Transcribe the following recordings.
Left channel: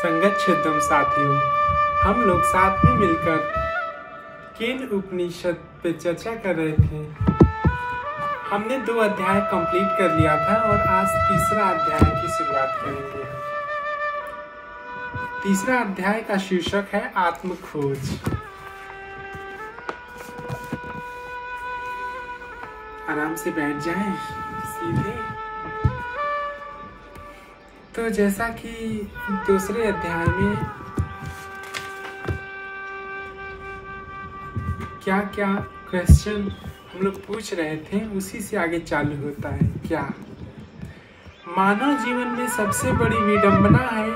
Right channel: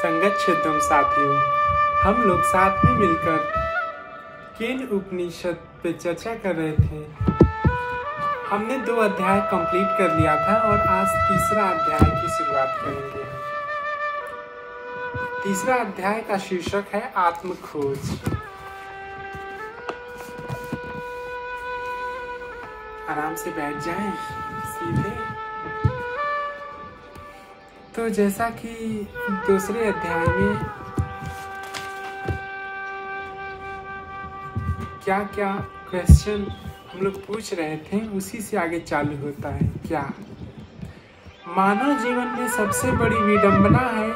संगत शुद्धम साथियों, हम लोग साथ में मिलकर केन उपनिषद पे चर्चा कर रहे थे। हमने 2 अध्याय कंप्लीट कर लिया था और आज तीसरा अध्याय की शुरुआत करेंगे। तीसरा अध्याय का शीर्षक है आत्म खोज। आराम से बैठ जाएं सीधे। तो जैसा कि दूसरे अध्याय में क्या क्या क्वेश्चन हम लोग पूछ रहे थे, उसी से आगे चालू होता है। क्या मानव जीवन में सबसे बड़ी विडंबना है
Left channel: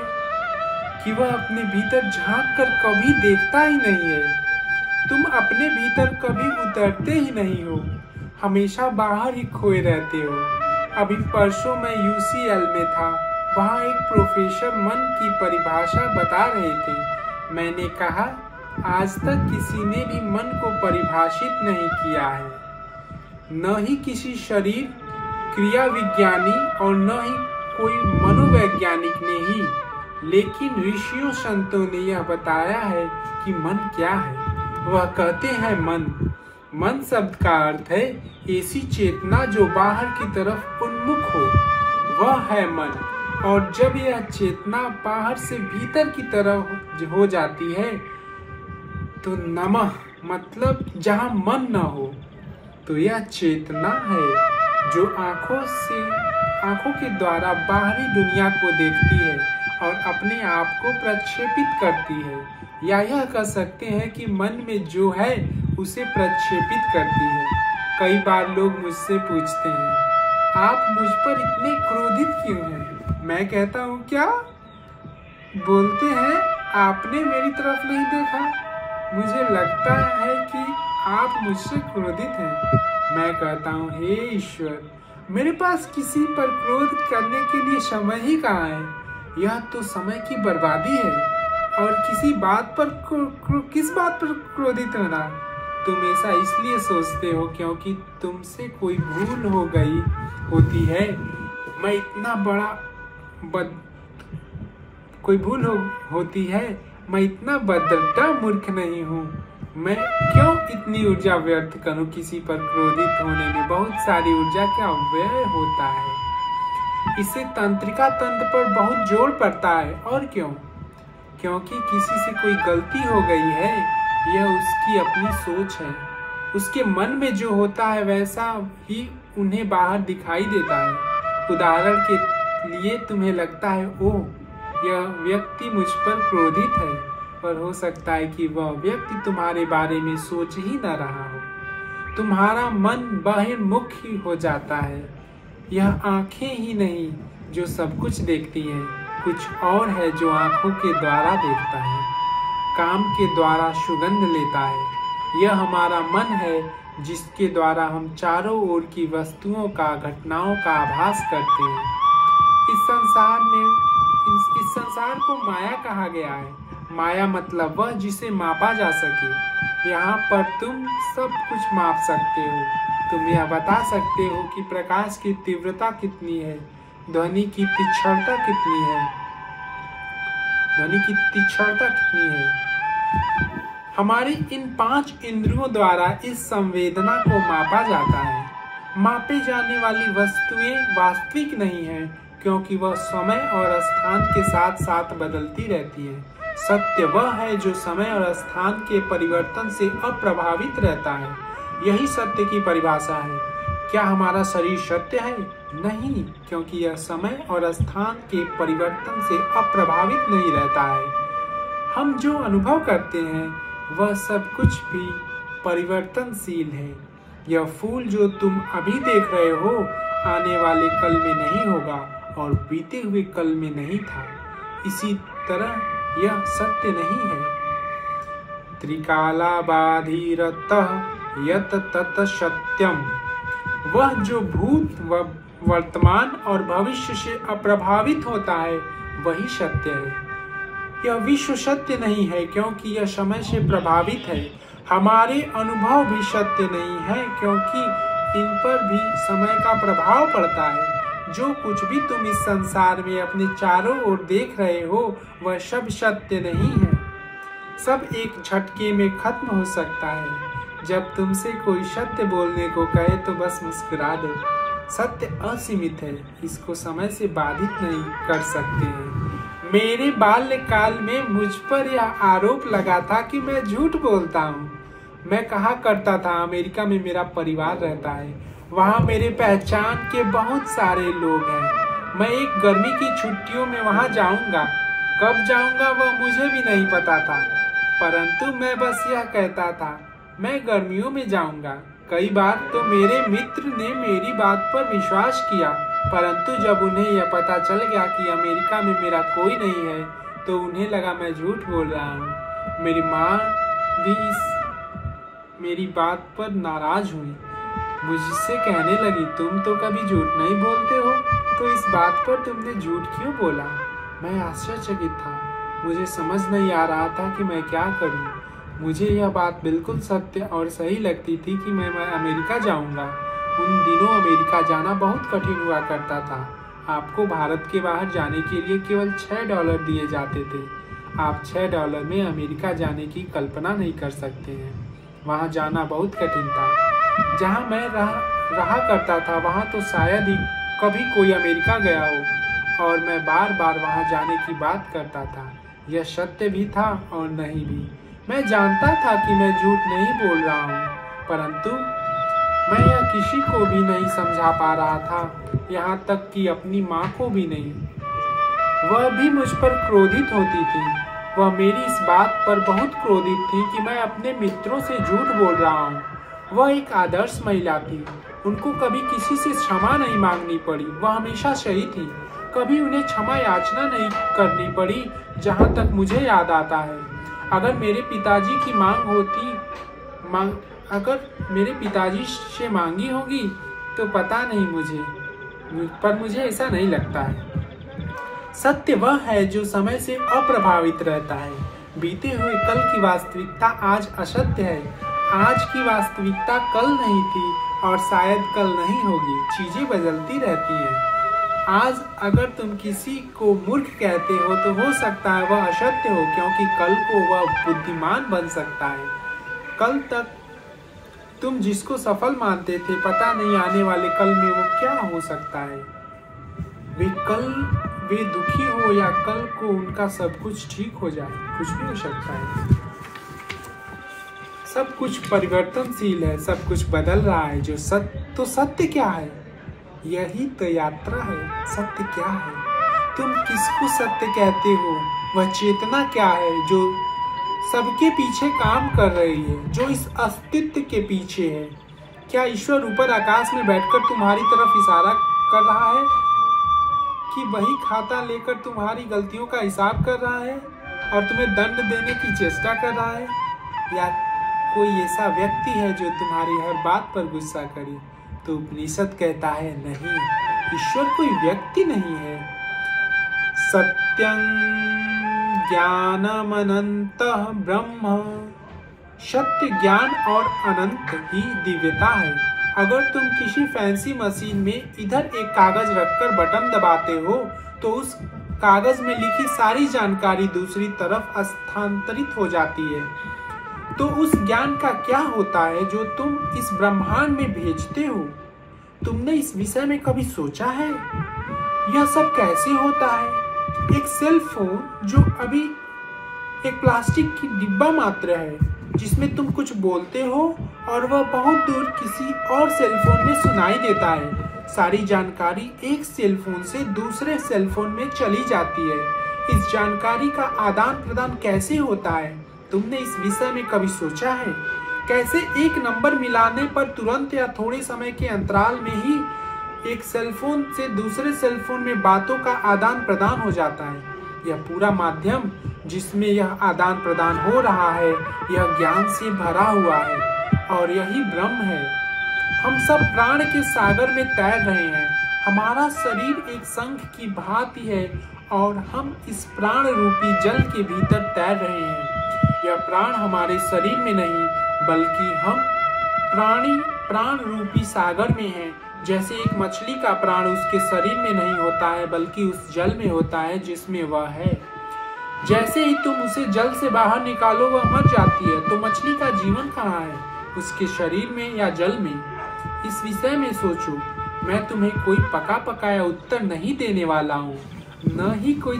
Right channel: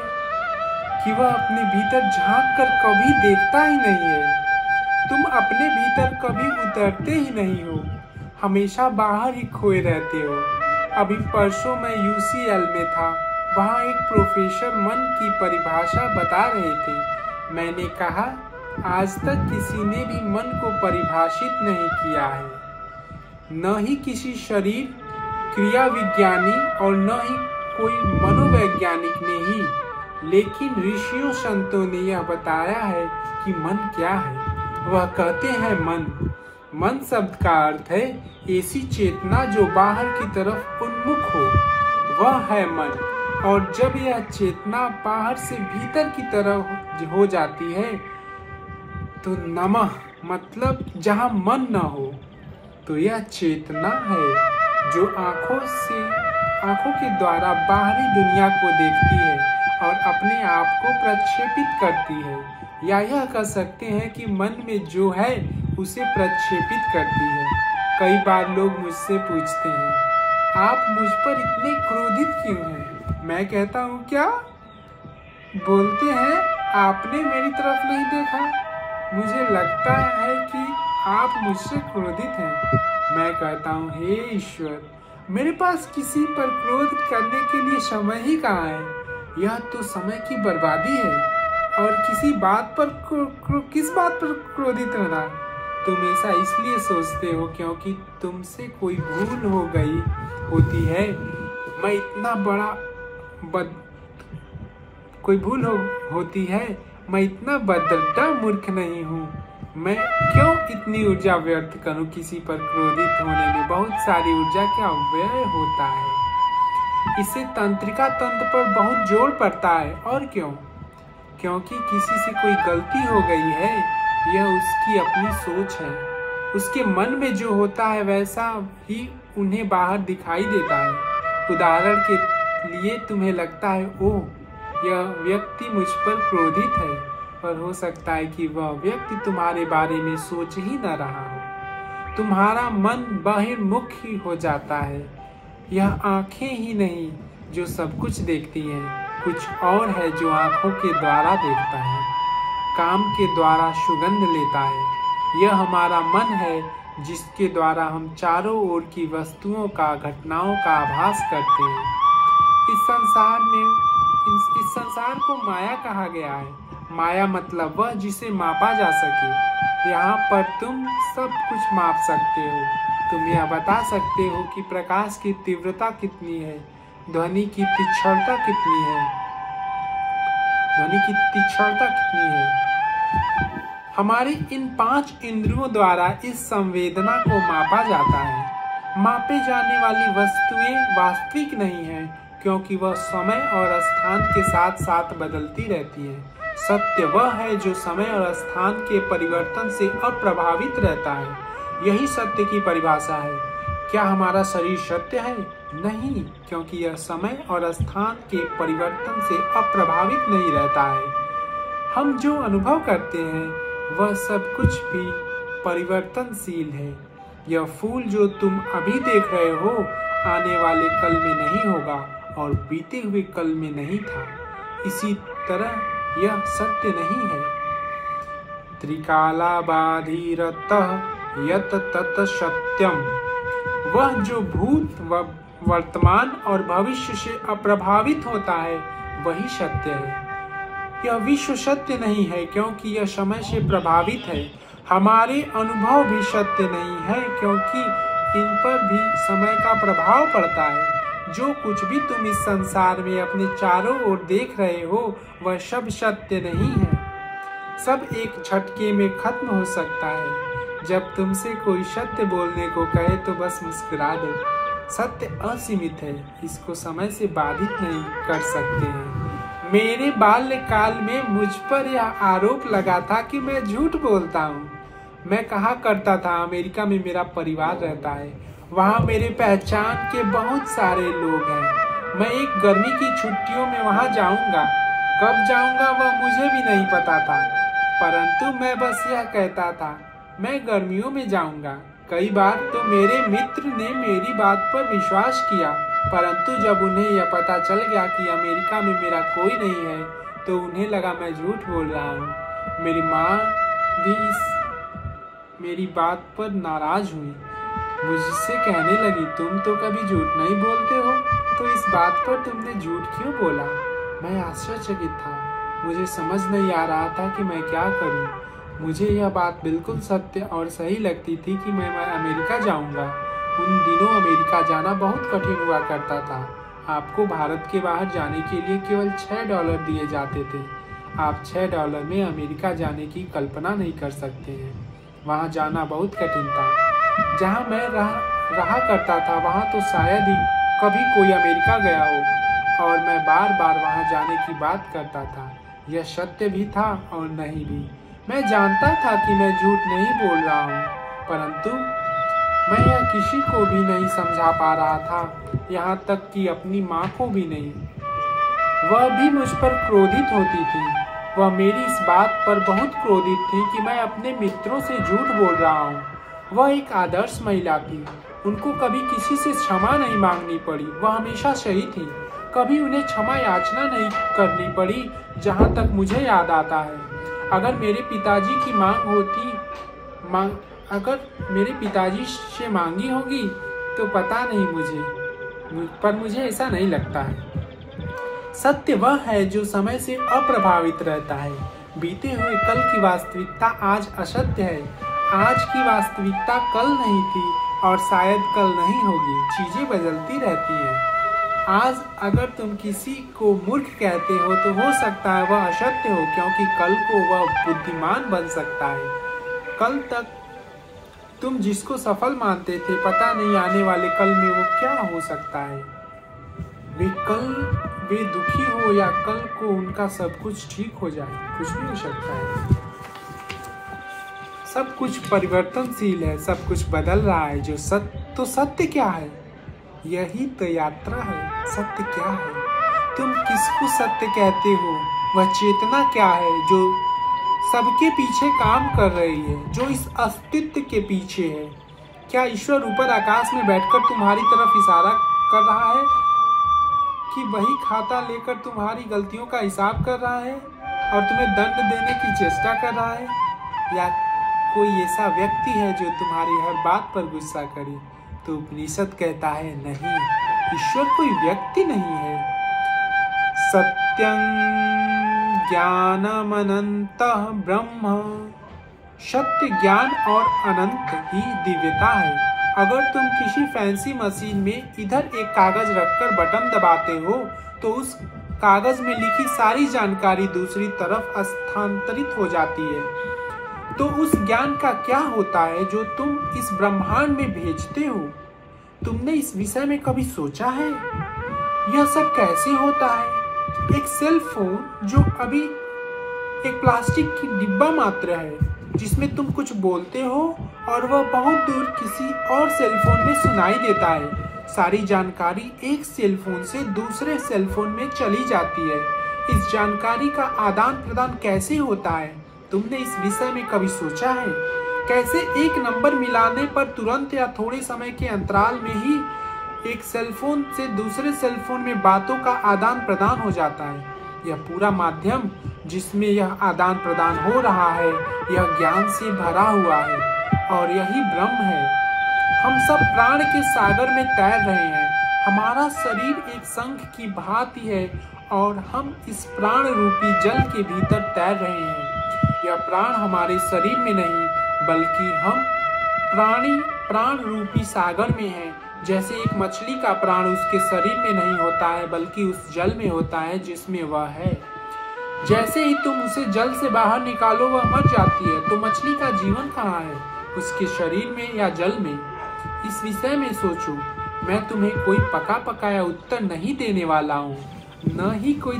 कि वह अपने भीतर झांक कर कभी देखता ही नहीं है। तुम अपने भीतर कभी उतरते ही नहीं हो, हमेशा बाहर ही खोए रहते हो। अभी परसों मैं UCL में था, वहाँ एक प्रोफेसर मन की परिभाषा बता रहे थे। मैंने कहा, आज तक किसी ने भी मन को परिभाषित नहीं किया है, न ही किसी शरीर क्रिया विज्ञानी और न ही कोई मनोवैज्ञानिक ने ही। लेकिन ऋषियों संतों ने यह बताया है कि मन क्या है। वह कहते हैं मन शब्द का अर्थ है ऐसी चेतना जो बाहर की तरफ उन्मुख हो, वह है मन। और जब यह चेतना बाहर से भीतर की तरफ हो जाती है तो नमः मतलब जहाँ मन न हो, तो यह चेतना है जो आंखों के द्वारा बाहरी दुनिया को देखती है और अपने आप को प्रक्षेपित करती है, या यह कह सकते हैं कि मन में जो है उसे प्रक्षेपित करती है। कई बार लोग मुझसे पूछते हैं, आप मुझ पर इतने क्रोधित क्यों हैं? मैं कहता हूँ, क्या बोलते हैं, आपने मेरी तरफ नहीं देखा, मुझे लगता है कि आप मुझसे क्रोधित हैं। मैं कहता हूँ, हे ईश्वर, मेरे पास किसी पर क्रोध करने के लिए समय ही कहाँ है। यह तो समय की बर्बादी है। और किस बात पर क्रोधित होना? तुम ऐसा इसलिए सोचते हो क्योंकि तुमसे कोई भूल हो गई होती है। मैं इतना बड़ा मैं इतना बदड्डा मूर्ख नहीं हूँ। मैं क्यों इतनी ऊर्जा व्यर्थ करूँ? किसी पर क्रोधित होने में बहुत सारी ऊर्जा का व्यय होता है। इससे तंत्रिका तंत्र पर बहुत जोर पड़ता है। और क्यों? क्योंकि किसी से कोई गलती हो गई है, यह उसकी अपनी सोच है। उसके मन में जो होता है वैसा ही उन्हें बाहर दिखाई देता है। उदाहरण के लिए तुम्हें लगता है, ओह, यह व्यक्ति मुझ पर क्रोधित है, पर हो सकता है कि वह व्यक्ति तुम्हारे बारे में सोच ही न रहा हो। तुम्हारा मन बहिर्मुख ही हो जाता है। यह आंखें ही नहीं जो सब कुछ देखती हैं, कुछ और है जो आंखों के द्वारा देखता है, काम के द्वारा सुगंध लेता है। यह हमारा मन है जिसके द्वारा हम चारों ओर की वस्तुओं का, घटनाओं का आभास करते हैं। इस संसार को माया कहा गया है। माया मतलब वह जिसे मापा जा सके। यहाँ पर तुम सब कुछ माप सकते हो। तुम यह बता सकते हो कि प्रकाश की तीव्रता कितनी है, ध्वनि की तीक्ष्णता कितनी है। हमारी इन 5 इंद्रियों द्वारा इस संवेदना को मापा जाता है। मापे जाने वाली वस्तुएं वास्तविक नहीं है, क्योंकि वह समय और स्थान के साथ साथ बदलती रहती है। सत्य वह है जो समय और स्थान के परिवर्तन से अप्रभावित रहता है। यही सत्य की परिभाषा है। क्या हमारा शरीर सत्य है? नहीं, क्योंकि यह समय और स्थान के परिवर्तन से अप्रभावित नहीं रहता है। हम जो अनुभव करते हैं वह सब कुछ भी परिवर्तनशील है। यह फूल जो तुम अभी देख रहे हो आने वाले कल में नहीं होगा और बीते हुए कल में नहीं था। इसी तरह यह सत्य नहीं है। त्रिकालाबाधिरतः यत तत सत्यम, वह जो भूत वर्तमान और भविष्य से अप्रभावित होता है वही सत्य है। यह विश्व सत्य नहीं है क्योंकि यह समय से प्रभावित है। हमारे अनुभव भी सत्य नहीं है क्योंकि इन पर भी समय का प्रभाव पड़ता है। जो कुछ भी तुम इस संसार में अपने चारों ओर देख रहे हो वह सब सत्य नहीं है। सब एक झटके में खत्म हो सकता है। जब तुमसे कोई सत्य बोलने को कहे तो बस मुस्कुरा दो। सत्य असीमित है, इसको समय से बाधित नहीं कर सकते हैं। मेरे बाल्यकाल में मुझ पर यह आरोप लगा था कि मैं झूठ बोलता हूँ। मैं कहा करता था अमेरिका में मेरा परिवार रहता है, वहाँ मेरे पहचान के बहुत सारे लोग हैं। मैं एक गर्मी की छुट्टियों में वहाँ जाऊंगा। कब जाऊंगा वह मुझे भी नहीं पता था, परंतु मैं बस यह कहता था मैं गर्मियों में जाऊंगा। कई बार तो मेरे मित्र ने मेरी बात पर विश्वास किया, परंतु जब उन्हें यह पता चल गया कि अमेरिका में मेरा कोई नहीं है तो उन्हें लगा मैं झूठ बोल रहा हूँ। मेरी माँ भी मेरी बात पर नाराज हुई, मुझसे कहने लगी तुम तो कभी झूठ नहीं बोलते हो, तो इस बात पर तुमने झूठ क्यों बोला। मैं आश्चर्यचकित था, मुझे समझ नहीं आ रहा था कि मैं क्या करूं। मुझे यह बात बिल्कुल सत्य और सही लगती थी कि मैं अमेरिका जाऊंगा। उन दिनों अमेरिका जाना बहुत कठिन हुआ करता था। आपको भारत के बाहर जाने के लिए केवल $6 दिए जाते थे। आप $6 में अमेरिका जाने की कल्पना नहीं कर सकते हैं। वहाँ जाना बहुत कठिन था। जहाँ मैं रहा करता था वहाँ तो शायद ही कभी कोई अमेरिका गया हो, और मैं बार बार वहाँ जाने की बात करता था। यह सत्य भी था और नहीं भी। मैं जानता था कि मैं झूठ नहीं बोल रहा हूँ, परंतु मैं यह किसी को भी नहीं समझा पा रहा था, यहाँ तक कि अपनी माँ को भी नहीं। वह भी मुझ पर क्रोधित होती थी। वह मेरी इस बात पर बहुत क्रोधित थी कि मैं अपने मित्रों से झूठ बोल रहा हूँ। वह एक आदर्श महिला थी। उनको कभी किसी से क्षमा नहीं मांगनी पड़ी। वह हमेशा सही थी। कभी उन्हें क्षमा याचना नहीं करनी पड़ी। जहाँ तक मुझे याद आता है, अगर मेरे पिताजी से मांगी होगी तो पता नहीं मुझे, पर मुझे ऐसा नहीं लगता है। सत्य वह है जो समय से अप्रभावित रहता है। बीते हुए कल की वास्तविकता आज असत्य है। आज की वास्तविकता कल नहीं थी और शायद कल नहीं होगी। चीजें बदलती रहती हैं। आज अगर तुम किसी को मूर्ख कहते हो तो हो सकता है वह असत्य हो, क्योंकि कल को वह बुद्धिमान बन सकता है। कल तक तुम जिसको सफल मानते थे, पता नहीं आने वाले कल में वो क्या हो सकता है। वे दुखी हो या कल को उनका सब कुछ ठीक हो जाए, कुछ भी हो सकता है। सब कुछ परिवर्तनशील है, सब कुछ बदल रहा है। तो सत्य क्या है? यही तो यात्रा है। सत्य क्या है? तुम किसको सत्य कहते हो? वह चेतना क्या है जो सबके पीछे काम कर रही है, जो इस अस्तित्व के पीछे है? क्या ईश्वर ऊपर आकाश में बैठकर तुम्हारी तरफ इशारा कर रहा है कि वही खाता लेकर तुम्हारी गलतियों का हिसाब कर रहा है और तुम्हें दंड देने की चेष्टा कर रहा है? या कोई ऐसा व्यक्ति है जो तुम्हारी हर बात पर गुस्सा करे? तो उपनिषद कहता है नहीं, ईश्वर कोई व्यक्ति नहीं है। सत्यं ज्ञानमनन्तः ब्रह्म। सत्य ज्ञान और अनंत ही दिव्यता है। अगर तुम किसी फैंसी मशीन में इधर एक कागज रखकर बटन दबाते हो तो उस कागज में लिखी सारी जानकारी दूसरी तरफ स्थानांतरित हो जाती है। तो उस ज्ञान का क्या होता है जो तुम इस ब्रह्मांड में भेजते हो? तुमने इस विषय में कभी सोचा है? यह सब कैसे होता है? एक सेल फोन जो अभी एक प्लास्टिक की डिब्बा मात्र है, जिसमें तुम कुछ बोलते हो और वह बहुत दूर किसी और सेल फोन में सुनाई देता है। सारी जानकारी एक सेल फोन से दूसरे सेल फोन में चली जाती है। इस जानकारी का आदान प्रदान कैसे होता है? तुमने इस विषय में कभी सोचा है? कैसे एक नंबर मिलाने पर तुरंत या थोड़े समय के अंतराल में ही एक सेलफोन से दूसरे सेलफोन में बातों का आदान प्रदान हो जाता है? यह पूरा माध्यम जिसमें यह आदान प्रदान हो रहा है, यह ज्ञान से भरा हुआ है और यही ब्रह्म है। हम सब प्राण के सागर में तैर रहे हैं। हमारा शरीर एक शंख की भांति है और हम इस प्राण रूपी जल के भीतर तैर रहे हैं। यह प्राण हमारे शरीर में नहीं, बल्कि हम प्राण रूपी सागर में हैं। जैसे एक मछली का प्राण उसके शरीर में नहीं होता है बल्कि उस जल में होता है जिसमें वह है। जैसे ही तुम उसे जल से बाहर निकालो वह मर जाती है। तो मछली का जीवन कहाँ है, उसके शरीर में या जल में? इस विषय में सोचो। मैं तुम्हें कोई पका पकाया उत्तर नहीं देने वाला हूँ, न ही कोई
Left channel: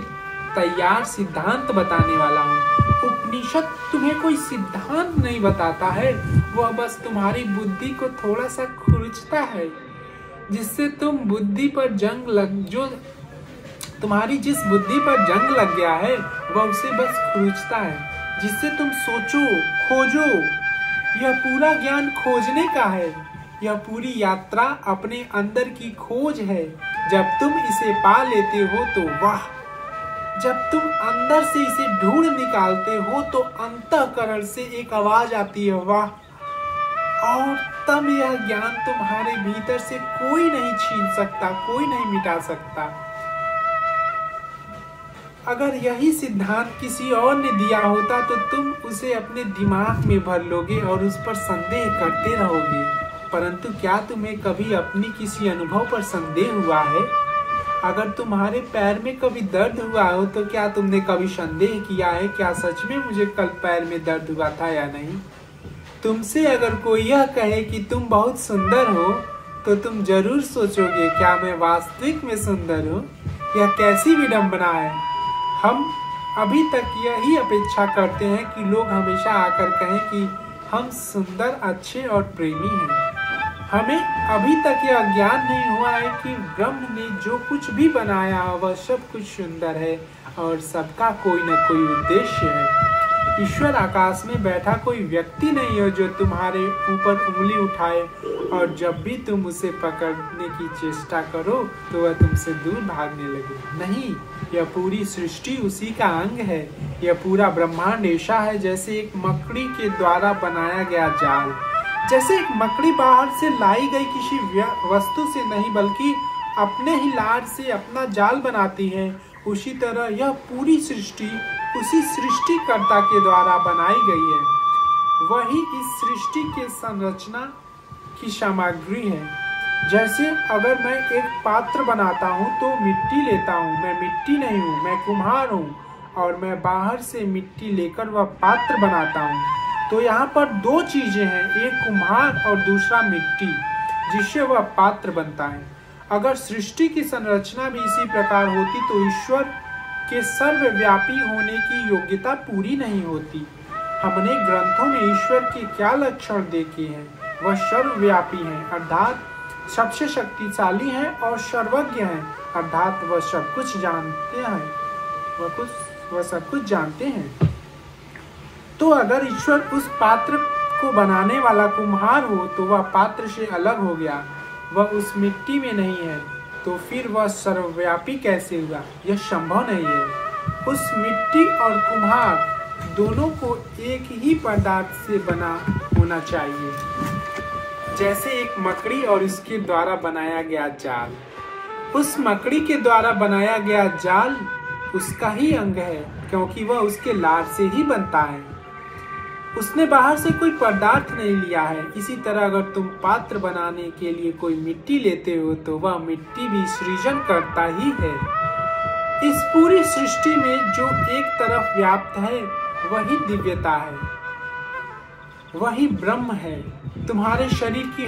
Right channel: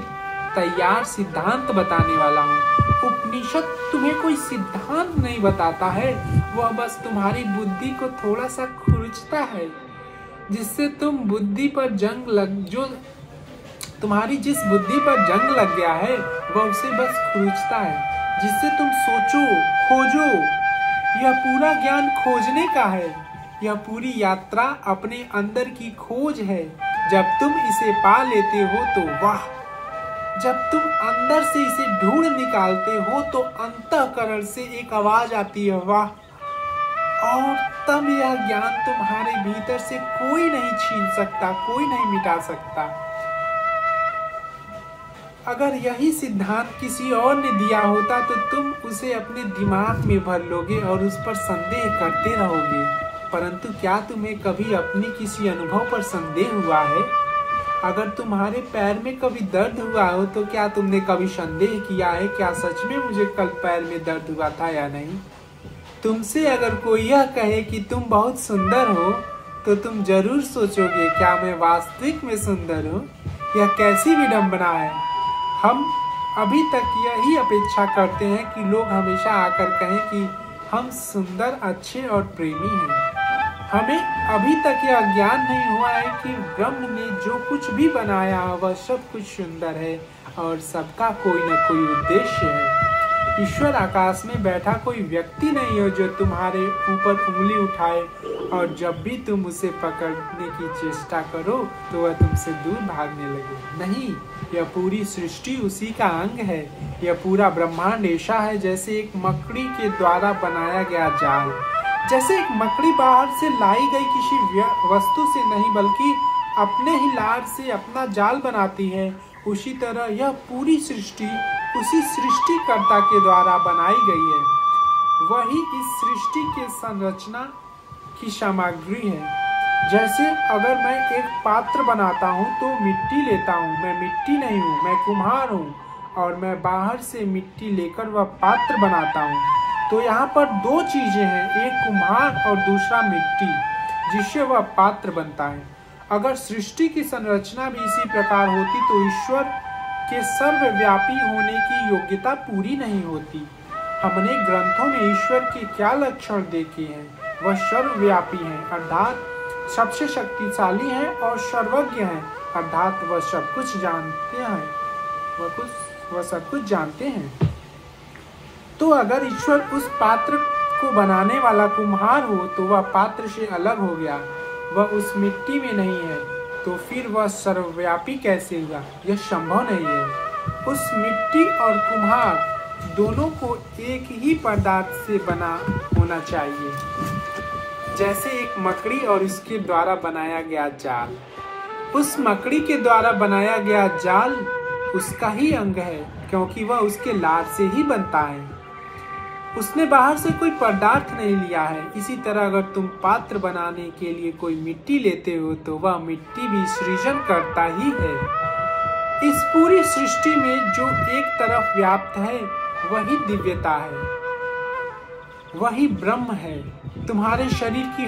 तैयार सिद्धांत बताने वाला हूँ। उपनिषद तुम्हें कोई सिद्धांत नहीं बताता है, वह बस तुम्हारी बुद्धि को थोड़ा सा खुरचता है, जिससे तुम बुद्धि पर जंग तुम्हारी जिस बुद्धि पर जंग लग गया है वह उसे बस खुरचता है, जिससे तुम सोचो, खोजो। यह पूरा ज्ञान खोजने का है। यह पूरी यात्रा अपने अंदर की खोज है। जब तुम इसे पा लेते हो तो वाह, जब तुम अंदर से इसे ढूंढ निकालते हो तो अंतःकरण से एक आवाज आती है, वाह। और तब यह ज्ञान तुम्हारे भीतर से कोई नहीं छीन सकता, कोई नहीं मिटा सकता। अगर यही सिद्धांत किसी और ने दिया होता तो तुम उसे अपने दिमाग में भर लोगे और उस पर संदेह करते रहोगे। परंतु क्या तुम्हें कभी अपनी किसी अनुभव पर संदेह हुआ है? अगर तुम्हारे पैर में कभी दर्द हुआ हो तो क्या तुमने कभी संदेह किया है, क्या सच में मुझे कल पैर में दर्द हुआ था या नहीं? तुमसे अगर कोई यह कहे कि तुम बहुत सुंदर हो तो तुम जरूर सोचोगे, क्या मैं वास्तविक में सुंदर हूँ? यह कैसी विडंबना है। हम अभी तक यही अपेक्षा करते हैं कि लोग हमेशा आकर कहें कि हम सुंदर, अच्छे और प्रेमी हैं। हमें अभी तक यह ज्ञान नहीं हुआ है कि ब्रह्म ने जो कुछ भी बनाया वह सब कुछ सुंदर है और सबका कोई न कोई उद्देश्य है। ईश्वर आकाश में बैठा कोई व्यक्ति नहीं है जो तुम्हारे ऊपर उंगली उठाए और जब भी तुम उसे पकड़ने की चेष्टा करो तो वह तुमसे दूर भागने लगे। नहीं, यह पूरी सृष्टि उसी का अंग है। यह पूरा ब्रह्मांड ऐसा है जैसे एक मकड़ी के द्वारा बनाया गया जाल। जैसे एक मकड़ी बाहर से लाई गई किसी वस्तु से नहीं बल्कि अपने ही लार से अपना जाल बनाती है, उसी तरह यह पूरी सृष्टि उसी सृष्टिकर्ता के द्वारा बनाई गई है। वही इस सृष्टि के संरचना की सामग्री है। जैसे अगर मैं एक पात्र बनाता हूँ तो मिट्टी लेता हूँ। मैं मिट्टी नहीं हूँ, मैं कुम्हार हूँ और मैं बाहर से मिट्टी लेकर वह पात्र बनाता हूँ। तो यहाँ पर दो चीजें हैं, एक कुम्हार और दूसरा मिट्टी, जिससे वह पात्र बनता है। अगर सृष्टि की संरचना भी इसी प्रकार होती तो ईश्वर के सर्वव्यापी होने की योग्यता पूरी नहीं होती। हमने ग्रंथों में ईश्वर के क्या लक्षण देखे हैं? वह सर्वव्यापी हैं, अर्थात सबसे शक्तिशाली हैं और सर्वज्ञ हैं, अर्थात वह सब कुछ जानते हैं। वह सब कुछ जानते हैं। तो अगर ईश्वर उस पात्र को बनाने वाला कुम्हार हो तो वह पात्र से अलग हो गया, वह उस मिट्टी में नहीं है, तो फिर वह सर्वव्यापी कैसे हुआ? यह संभव नहीं है। उस मिट्टी और कुम्हार दोनों को एक ही पदार्थ से बना होना चाहिए, जैसे एक मकड़ी और इसके द्वारा बनाया गया जाल। उस मकड़ी के द्वारा बनाया गया जाल उसका ही अंग है, क्योंकि वह उसके लार से ही बनता है। उसने बाहर से कोई पदार्थ नहीं लिया है। इसी तरह अगर तुम पात्र बनाने के लिए कोई मिट्टी लेते हो तो वह मिट्टी भी सृजन करता ही है। इस पूरी सृष्टि में जो एक तरफ व्याप्त है वही दिव्यता है, वही ब्रह्म है। तुम्हारे शरीर की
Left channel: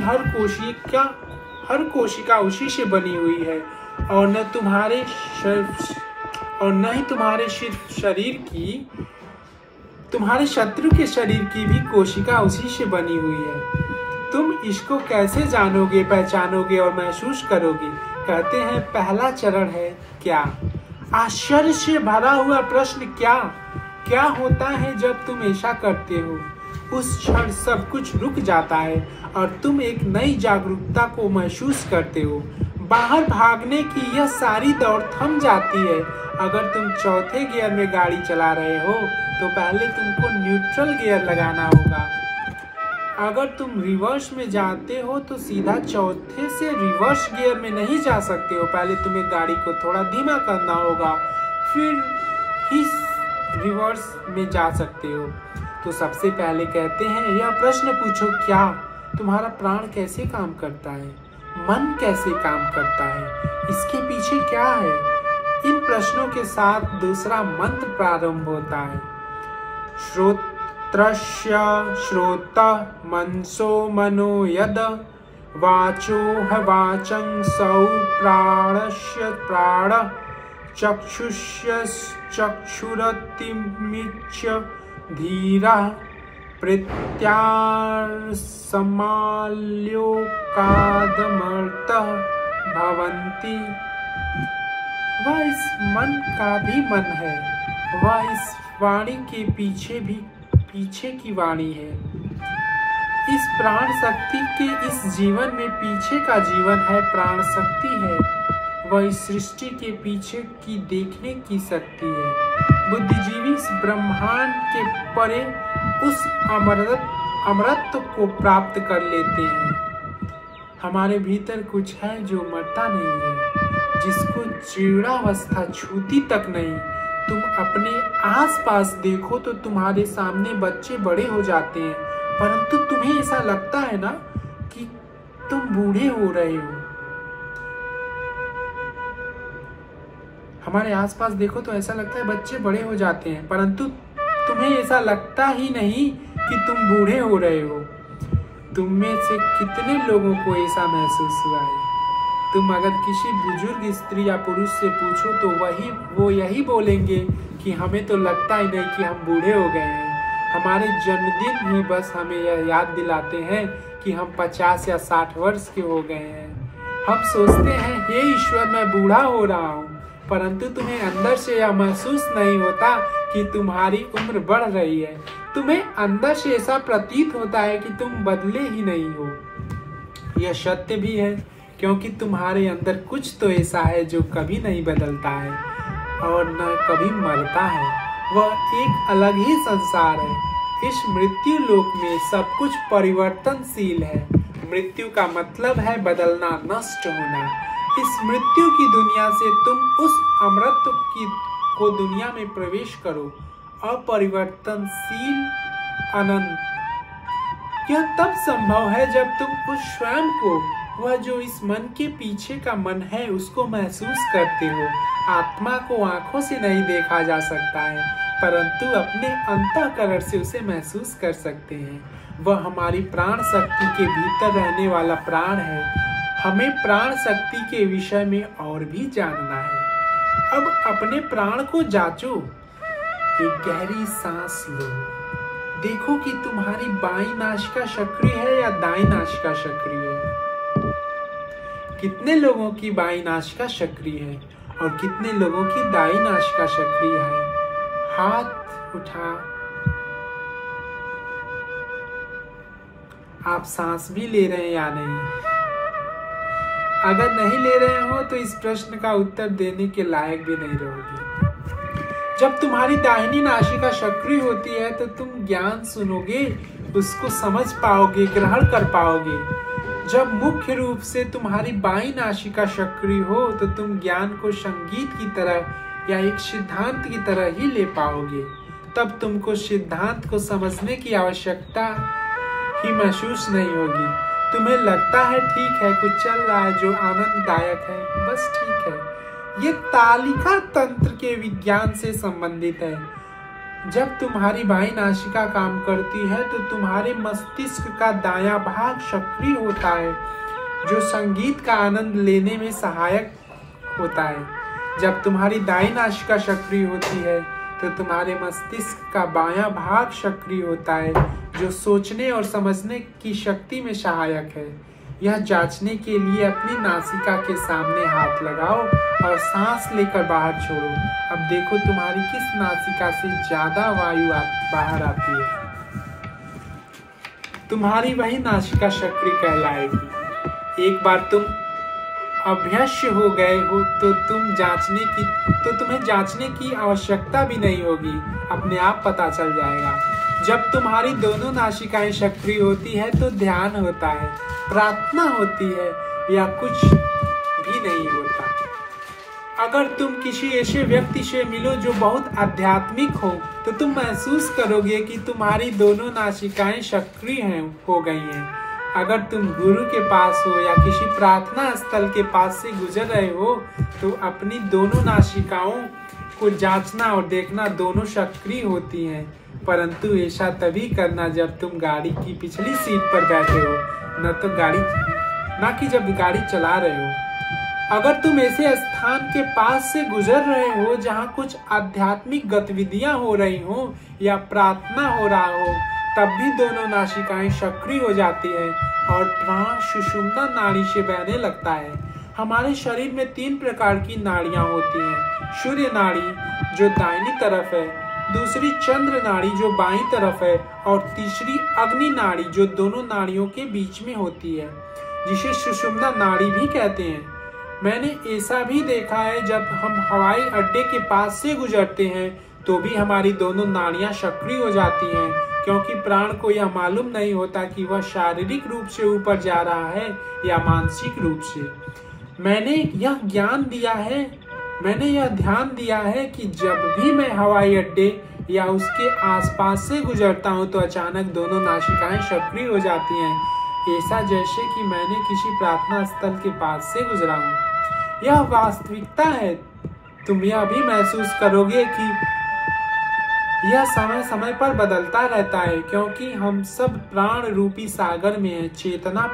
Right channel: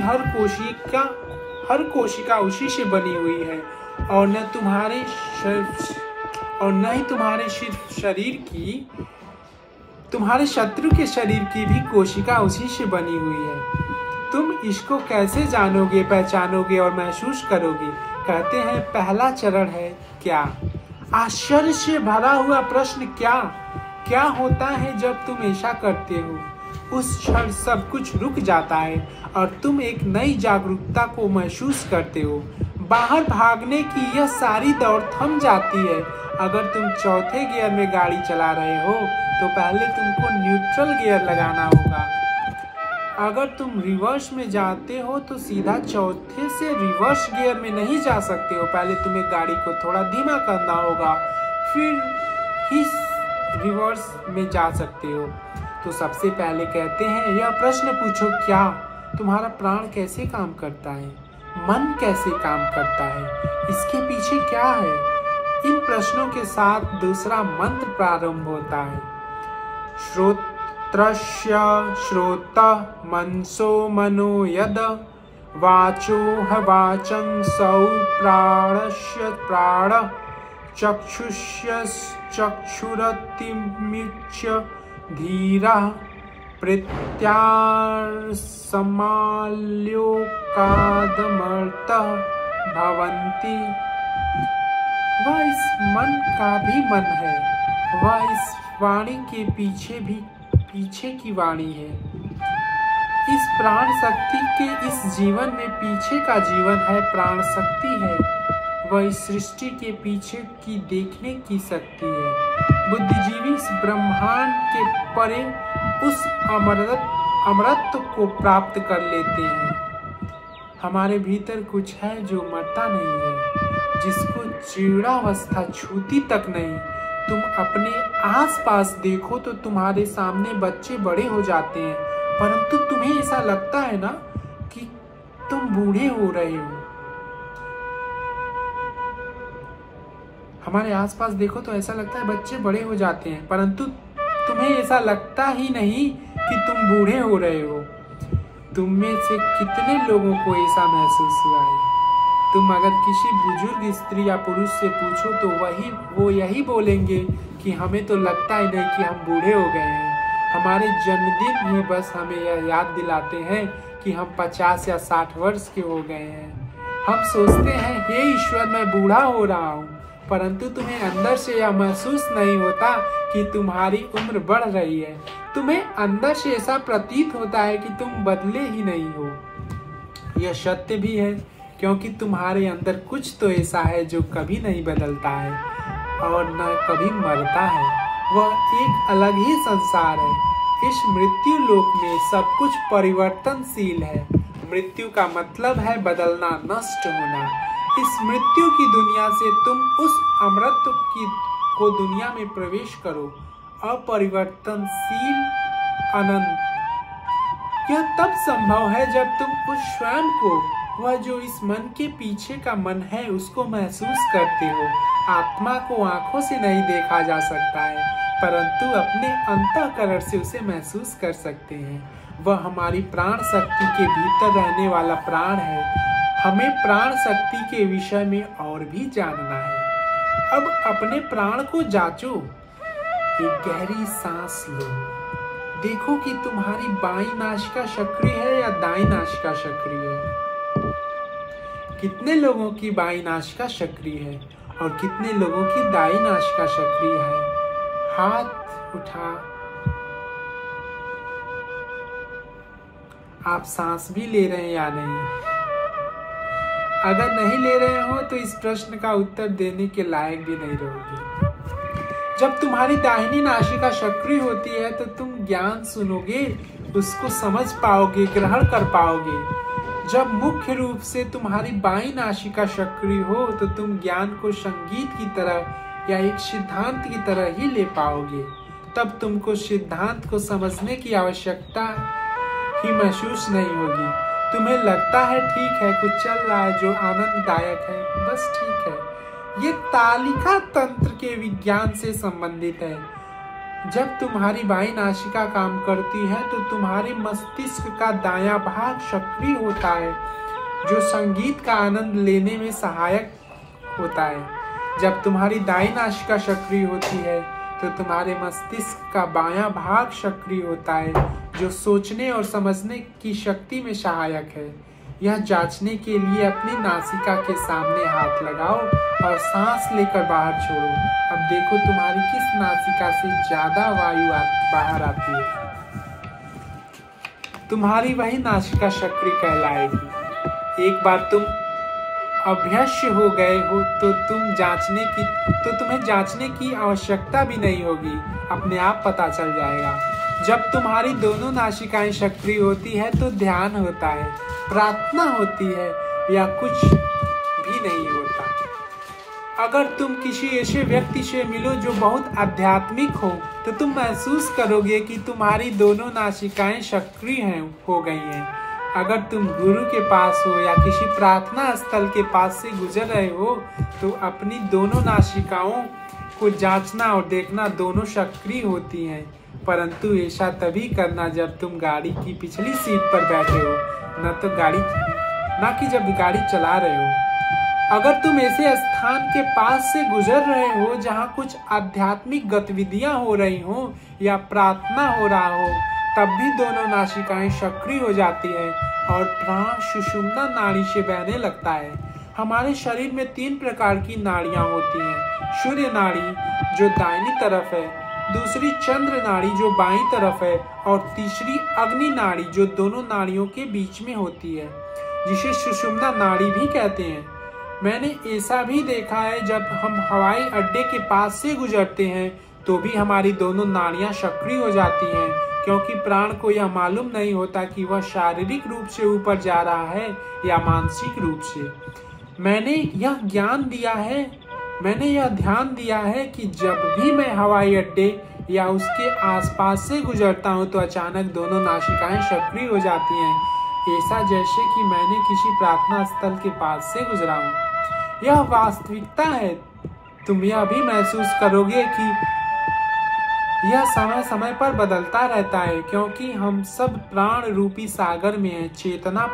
हर कोशिका उसी से बनी हुई है और न ही तुम्हारे शत्रु के शरीर की भी कोशिका उसी से बनी हुई है। तुम इसको कैसे जानोगे, पहचानोगे और महसूस करोगे? कहते हैं पहला चरण है क्या। आश्चर्य से भरा हुआ प्रश्न क्या होता है जब तुम ऐसा करते हो? उस क्षण सब कुछ रुक जाता है और तुम एक नई जागरूकता को महसूस करते हो। बाहर भागने की यह सारी दौड़ थम जाती है। अगर तुम चौथे गियर में गाड़ी चला रहे हो तो पहले तुमको न्यूट्रल गियर लगाना होगा। अगर तुम रिवर्स में जाते हो तो सीधा चौथे से रिवर्स गियर में नहीं जा सकते हो, पहले तुम्हें गाड़ी को थोड़ा धीमा करना होगा, फिर ही रिवर्स में जा सकते हो। तो सबसे पहले कहते हैं यह प्रश्न पूछो, क्या तुम्हारा प्राण कैसे काम करता है? मन कैसे काम करता है, इसके पीछे क्या है? इन प्रश्नों के साथ दूसरा मंत्र प्रारंभ होता है। श्रोत्रस्य श्रोत मनसो मनो यद वाचो ह वाचं सौ प्राणस्य प्राण चक्षुष्य चक्षुरतिमिच्य धीरा प्रत्यासमाल्योकादमर्तः भवन्ति। वह इस मन का भी मन है, वह इस वाणी के पीछे की वाणी है। इस प्राण शक्ति के इस जीवन में पीछे का जीवन है, प्राण शक्ति है। वह इस सृष्टि के पीछे की देखने की शक्ति है। बुद्धिजीवी इस ब्रह्मांड के परे उस अमरत्व को प्राप्त कर लेते हैं। हमारे भीतर कुछ है जो मरता नहीं है, जिसको जीर्णावस्था छूती तक नहीं। तुम अपने आसपास देखो तो तुम्हारे सामने बच्चे बड़े हो जाते हैं, परंतु तुम्हें ऐसा लगता है ना कि तुम बूढ़े हो रहे हो। हमारे आसपास देखो तो ऐसा लगता है बच्चे बड़े हो जाते हैं, परंतु तुम्हें ऐसा लगता ही नहीं कि तुम बूढ़े हो रहे हो। तुम में से कितने लोगों को ऐसा महसूस हुआ है? तुम अगर किसी बुजुर्ग स्त्री या पुरुष से पूछो तो वो यही बोलेंगे कि हमें तो लगता ही नहीं कि हम बूढ़े हो गए हैं। हमारे जन्मदिन ही बस हमें यह याद दिलाते हैं कि हम 50 या 60 वर्ष के हो गए हैं। हम सोचते हैं हे ईश्वर मैं बूढ़ा हो रहा हूँ, परंतु तुम्हें अंदर से यह महसूस नहीं होता कि तुम्हारी उम्र बढ़ रही है। तुम्हें अंदर से ऐसा प्रतीत होता है कि तुम बदले ही नहीं हो। यह सत्य भी है, क्योंकि तुम्हारे अंदर कुछ तो ऐसा है जो कभी नहीं बदलता है और न कभी मरता है। वह एक अलग ही संसार है। इस मृत्यु लोक में सब कुछ परिवर्तनशील है। मृत्यु का मतलब है बदलना, नष्ट होना। इस मृत्यु की दुनिया से तुम उस अमृत को दुनिया में प्रवेश करो, अपरिवर्तनशील अनंत। यह तब संभव है जब तुम उस स्वयं को, वह जो इस मन के पीछे का मन है, उसको महसूस करते हो। आत्मा को आंखों से नहीं देखा जा सकता है, परंतु अपने अंतःकरण से उसे महसूस कर सकते हैं। वह हमारी प्राण शक्ति के भीतर रहने वाला प्राण है। हमें प्राण शक्ति के विषय में और भी जानना है। अब अपने प्राण को जांचो। एक गहरी सांस लो। देखो कि तुम्हारी बाईं नासिका सक्रिय है या दाईं नासिका सक्रिय है। कितने लोगों की बाईं नासिका सक्रिय है और कितने लोगों की दाईं नासिका सक्रिय है? हाथ उठा। आप सांस भी ले रहे हैं या नहीं? अगर नहीं ले रहे हो तो इस प्रश्न का उत्तर देने के लायक भी नहीं रहोगे। जब तुम्हारी दाहिनी नासिका सक्रिय होती है तो तुम ज्ञान सुनोगे, उसको समझ पाओगे, ग्रहण कर पाओगे। जब मुख्य रूप से तुम्हारी बाईं नासिका सक्रिय हो तो तुम ज्ञान को संगीत की तरह या एक सिद्धांत की तरह ही ले पाओगे। तब तुमको सिद्धांत को समझने की आवश्यकता ही महसूस नहीं होगी। तुम्हें लगता है ठीक है, कुछ चल रहा है जो आनंददायक है, बस ठीक है। ये तालिका तंत्र के विज्ञान से संबंधित है। जब तुम्हारी बाईं नासिका काम करती है तो तुम्हारे मस्तिष्क का दायां भाग सक्रिय होता है, जो संगीत का आनंद लेने में सहायक होता है। जब तुम्हारी दाईं नासिका सक्रिय होती है तो तुम्हारे मस्तिष्क का बायां भाग सक्रिय होता है, जो सोचने और समझने की शक्ति में सहायक है। यह जांचने के लिए अपनी नासिका के सामने हाथ लगाओ और सांस लेकर बाहर छोड़ो। अब देखो तुम्हारी किस नासिका से ज्यादा वायु बाहर आती है। तुम्हारी वही नासिका सक्रिय कहलाएगी। एक बार तुम अभ्यस्य हो गए हो तो तुम्हें जांचने की आवश्यकता भी नहीं होगी, अपने आप पता चल जाएगा। जब तुम्हारी दोनों नासिकाएं सक्रिय होती है तो ध्यान होता है, प्रार्थना होती है या कुछ भी नहीं होता। अगर तुम किसी ऐसे व्यक्ति से मिलो जो बहुत आध्यात्मिक हो तो तुम महसूस करोगे कि तुम्हारी दोनों नासिकाएं सक्रिय हो गई हैं। अगर तुम गुरु के पास हो या किसी प्रार्थना स्थल के पास से गुजर रहे हो तो अपनी दोनों नासिकाओं को जांचना और देखना दोनों सक्रिय होती हैं, परंतु ऐसा तभी करना जब तुम गाड़ी की पिछली सीट पर बैठे हो, न कि जब गाड़ी चला रहे हो। अगर तुम ऐसे स्थान के पास से गुजर रहे हो जहाँ कुछ आध्यात्मिक गतिविधियां हो रही हो या प्रार्थना हो रहा हो, तब भी दोनों नासिकाएं सक्रिय हो जाती है और प्राण सुषुम्ना नाड़ी से बहने लगता है। हमारे शरीर में 3 प्रकार की नाड़ियां होती हैं। सूर्य नाड़ी जो दाहिनी तरफ है, दूसरी चंद्र नाड़ी जो बाईं तरफ है और तीसरी अग्नि नाड़ी जो दोनों नाड़ियों के बीच में होती है, जिसे सुषुम्ना नाड़ी भी कहते हैं। मैंने ऐसा भी देखा है जब हम हवाई अड्डे के पास से गुजरते हैं तो भी हमारी दोनों नाड़ियां सक्रिय हो जाती हैं, क्योंकि प्राण को यह मालूम नहीं होता कि वह शारीरिक रूप से ऊपर जा रहा है या मानसिक रूप से। मैंने यह ध्यान दिया है कि जब भी मैं हवाई अड्डे या उसके आसपास से गुजरता हूँ तो अचानक दोनों नासिकाएं सक्रिय हो जाती हैं, ऐसा जैसे कि मैंने किसी प्रार्थना स्थल के पास से गुजरा हूँ। यह वास्तविकता है। तुम यह भी महसूस करोगे कि यह समय समय पर बदलता रहता है, क्योंकि हम सब प्राण रूपी सागर में हैं। चेतना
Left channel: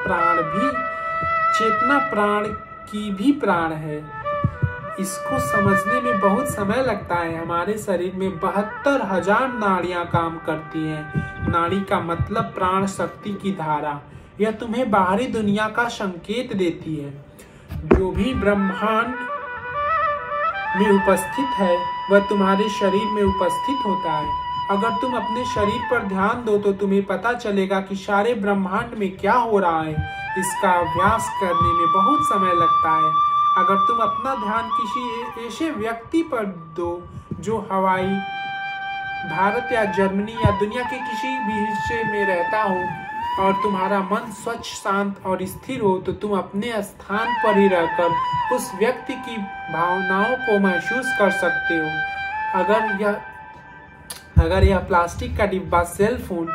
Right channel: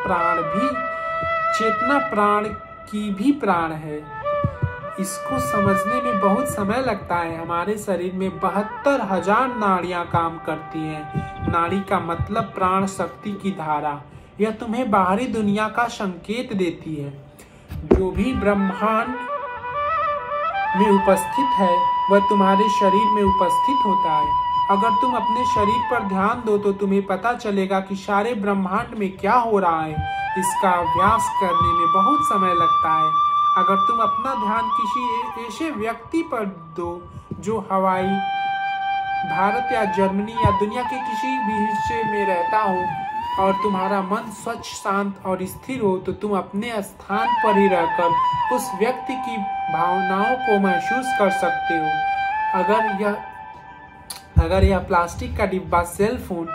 प्राण की भी प्राण है। इसको समझने में बहुत समय लगता है। हमारे शरीर में 72,000 नाड़ियां काम करती हैं। नाड़ी का मतलब प्राण शक्ति की धारा। यह तुम्हें बाहरी दुनिया का संकेत देती है। जो भी ब्रह्मांड में उपस्थित है वह तुम्हारे शरीर में उपस्थित होता है। अगर तुम अपने शरीर पर ध्यान दो तो तुम्हें पता चलेगा कि सारे ब्रह्मांड में क्या हो रहा है। इसका अभ्यास करने में बहुत समय लगता है। अगर तुम अपना ध्यान किसी ऐसे व्यक्ति पर दो जो हवाई भारत या जर्मनी या दुनिया के किसी भी हिस्से में रहता हो और तुम्हारा मन स्वच्छ, शांत और स्थिर हो, तो तुम अपने स्थान पर ही रहकर उस व्यक्ति की भावनाओं को महसूस कर सकते हो। अगर यह प्लास्टिक का डिब्बा सेल फोन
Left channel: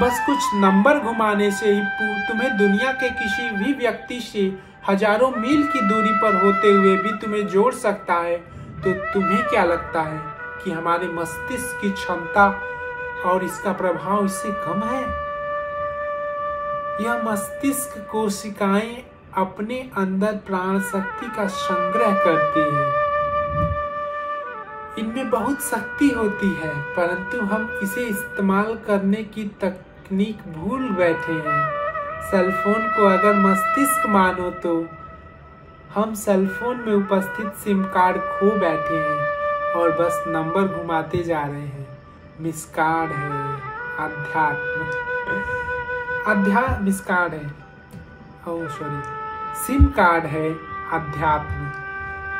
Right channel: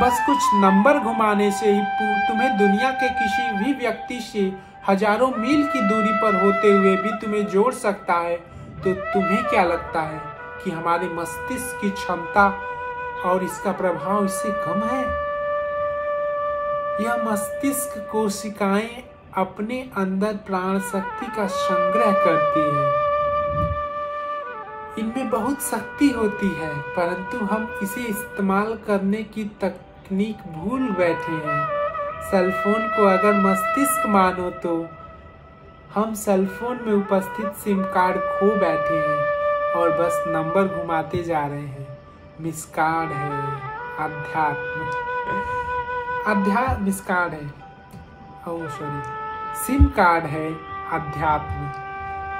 बस कुछ नंबर घुमाने से ही तुम्हें दुनिया के किसी भी व्यक्ति से हजारों मील की दूरी पर होते हुए भी तुम्हें जोड़ सकता है, तो तुम्हें क्या लगता है कि हमारे मस्तिष्क की क्षमता और इसका प्रभाव इससे कम है? यह मस्तिष्क कोशिकाएं अपने अंदर प्राण शक्ति का संग्रह करती है। इनमें बहुत शक्ति होती है, परंतु हम इसे इस्तेमाल करने की तकनीक भूल बैठे हैं। सेलफोन को अगर मस्तिष्क मानो तो हम सेलफोन में उपस्थित सिम कार्ड खो बैठे हैं और बस नंबर घुमाते जा रहे हैं। मिस कार्ड है सिम कार्ड है अध्यात्म।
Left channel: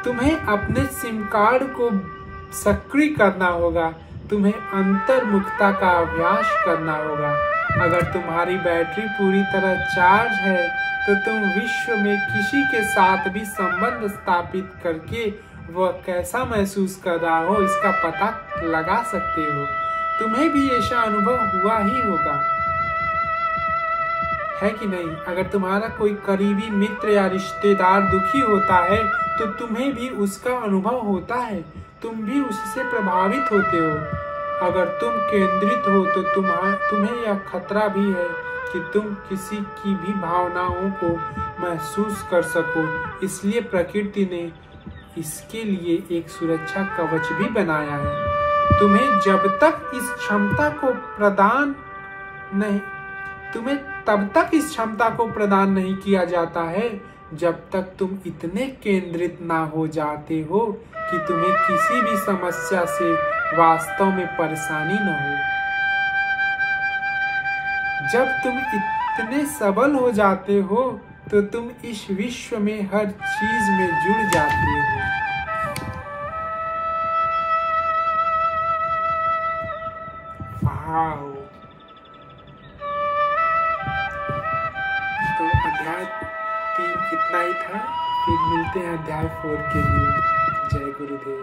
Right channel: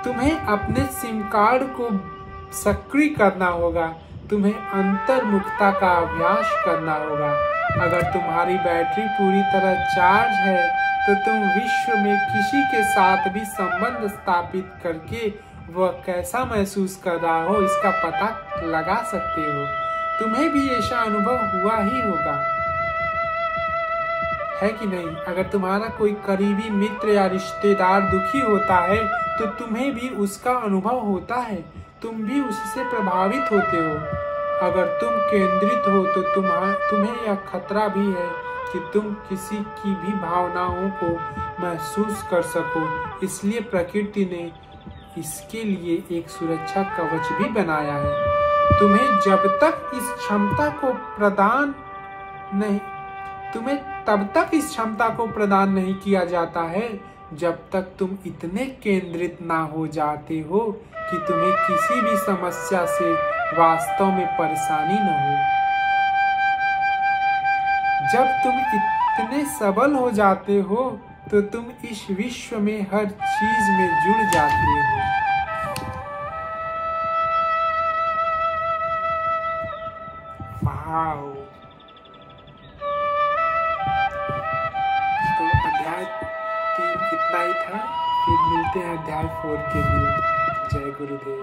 तुम्हें अपने सिम कार्ड को सक्रिय करना होगा। तुम्हें अंतर्मुखता का अभ्यास करना होगा। अगर तुम्हारी बैटरी पूरी तरह चार्ज है तो तुम विश्व में किसी के साथ भी संबंध स्थापित करके वह कैसा महसूस कर रहा हो इसका पता लगा सकते हो। तुम्हें भी ऐसा अनुभव हुआ ही होगा, है कि नहीं? अगर तुम्हारा कोई करीबी मित्र या रिश्तेदार दुखी होता है तो तुम्हें भी उसका अनुभव होता है। तुम भी उससे प्रभावित होते हो। अगर तुम केंद्रित हो तो तुम्हें यह खतरा भी है कि तुम किसी की भी भावनाओं को महसूस कर सको। इसलिए प्रकृति ने इसके लिए एक सुरक्षा कवच भी बनाया है। तुम्हें तब तक इस क्षमता को प्रदान नहीं किया जाता है जब तक तुम इतने केंद्रित ना हो जाते हो कि तुम्हें किसी भी समस्या से वास्तव में परेशानी न हो। जब तुम इतने सबल हो जाते हो तो तुम इस विश्व में हर चीज में जुड़ जाते हो। वाओ! तो अध्याय 3 इतना ही था। फिर मिलते हैं अध्याय 4 के लिए। जय गुरुदेव।